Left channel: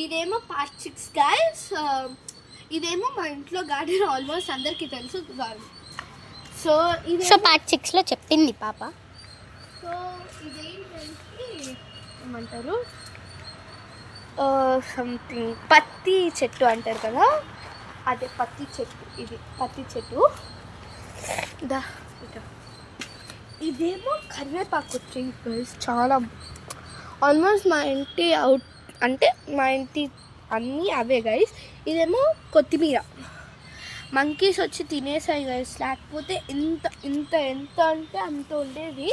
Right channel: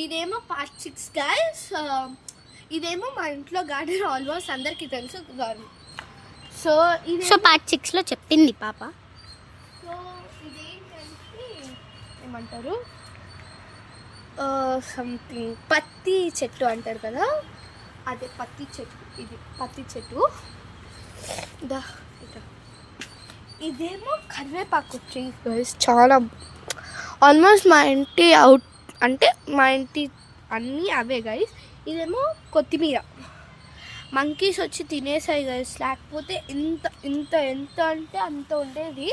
ఇదేమో part 6 guys. ఇదేమో మా ఇంట్లో గార్డెన్ ఆల్మోస్ట్ అందరికీ తెలుసు గార్డెన్. సో పార్ట్ 6లో చెప్పింది పాప. సో ఇదేంటంటే ఏమంటారు, సంథింగ్ పత్తి చెట్టు అంటారు కదా, అదే పత్తి చెట్టు. ఇది పత్తి చెట్టు. ఇదేమో కరివేపాకు ట్రీ గైస్. చాలా ఆల్మోస్ట్ మా ఇంటి అంటే మా ఇంటి అన్నీ అవే గైస్. ఇదేమో కొత్తిమీర. మంకీస్ వచ్చి తినేసాయి గైస్, లేకపోతే ఎంత ఎంత ఎంత అంటే అంత ఉండేది.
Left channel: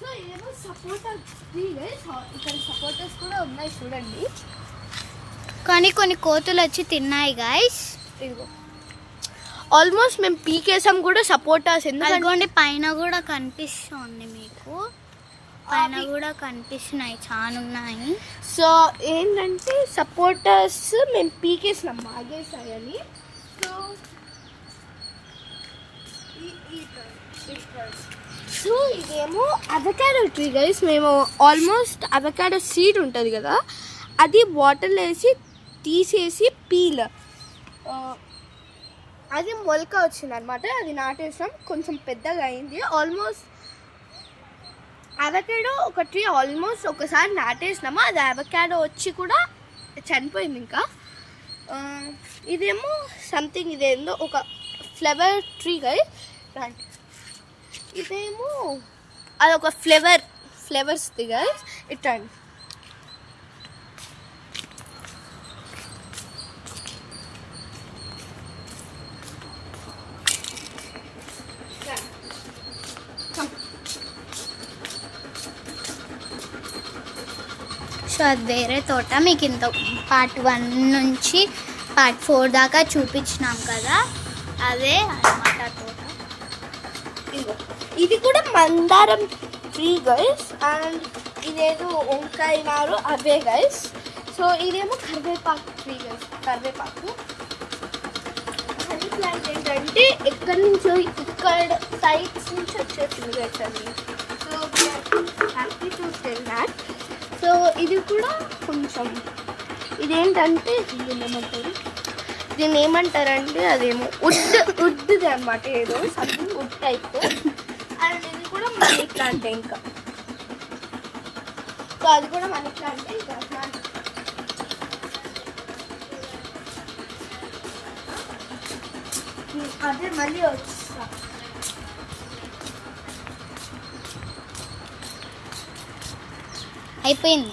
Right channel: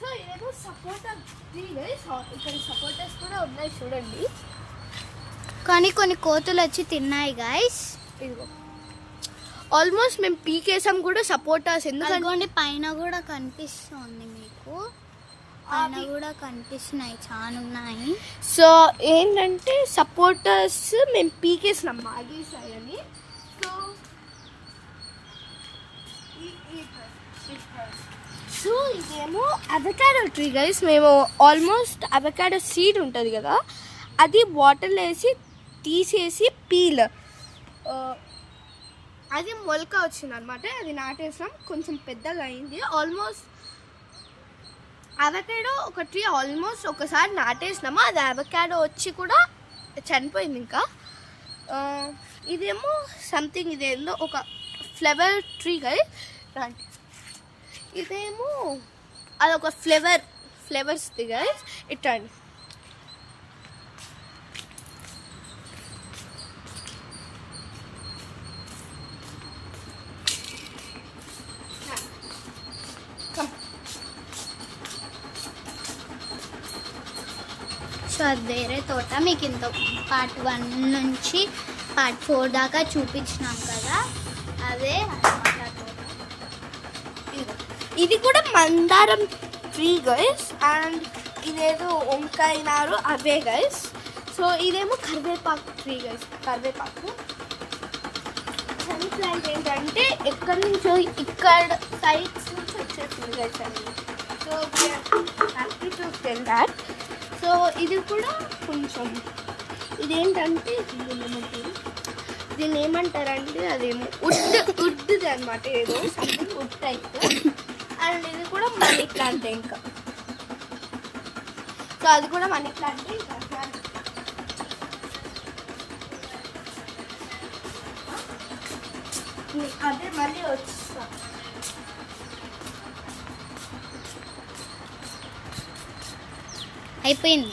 సో ఇదేమో సపోటా ట్రీ గైస్. ఇక్కడ సపోటాస్ కూడా ఉన్నాయి చూడండి, కానీ కొన్ని కోతులు వచ్చి తిన్నాయి గైస్. ఇదిగో ఆల్మోస్ట్ మేము పీకేసాం కూడా సపోటాస్. ఎందుకంటే పైన కూడా కనిపిస్తుంది మీకు, పైన కూడా కనిపిస్తున్నాయి, చాలా ఉన్నాయి. సో ఏంటంటే సపోటాస్ మేము పీకేసినాం మాగేసాయని. సో ఇదేమో అవకాడో ట్రీ గైస్. మేము ఆల్మోస్ట్ అవకాడో సీడ్ ఉంటుంది కదా, అది వాటర్లో వేసి తీసేసి పీల్ అది మొలక వచ్చింది అనమాట. అది నాటేసాం, కొంచెం పెద్దగా అయింది. ఆల్మోస్ట్ అవకాడో ఒక ట్రీ ఆల్మోస్ట్ ఒకసారి నాటేసినామా, అది అవకాడో వచ్చి కూడా చనిపోయింది. ఇంకా ఇదేమో సంథింగ్, ఇదేందో ఒక ఫ్లవర్ ట్రీ గైస్. ఇదేమో అదొక ఫ్లవర్స్ గైస్. ఇట్లా సో అది వేరే తోట. మీకు ఇంత పార్ట్ 1 నుంచి పార్ట్ 4 దాకా చూపించినాం కదా, అదే అన్నమాట తోట. ఇది కూడా మందారం ట్రీ గైస్. అండ్ ఇదేదో వంకాయ నారు అవే గైస్. సో ఇదేమో కరివేపాకు ట్రీ గైస్. కరివేపాకు హనీ ప్లాంట్ ఏంటంటే ఎక్కడి నుంచో ఇక్కడ సైడ్స్ నుంచి వచ్చేసింది గైస్ అని. So happy to tell that. So ఇది కూడా కొంచెం ఇదేంటంటే దీన్ని ఏమంటారంటే అదేమో వుడ్ది అనమాట, ఏదో సంథింగ్ వుడ్ టైప్. అండ్ ఇది కూడా మనీ ప్లాంట్. ఇంకా సో అది కూడా మనీ ప్లాంట్. ఇంకా అదే మళ్ళీ వచ్చా అయిపోయింది.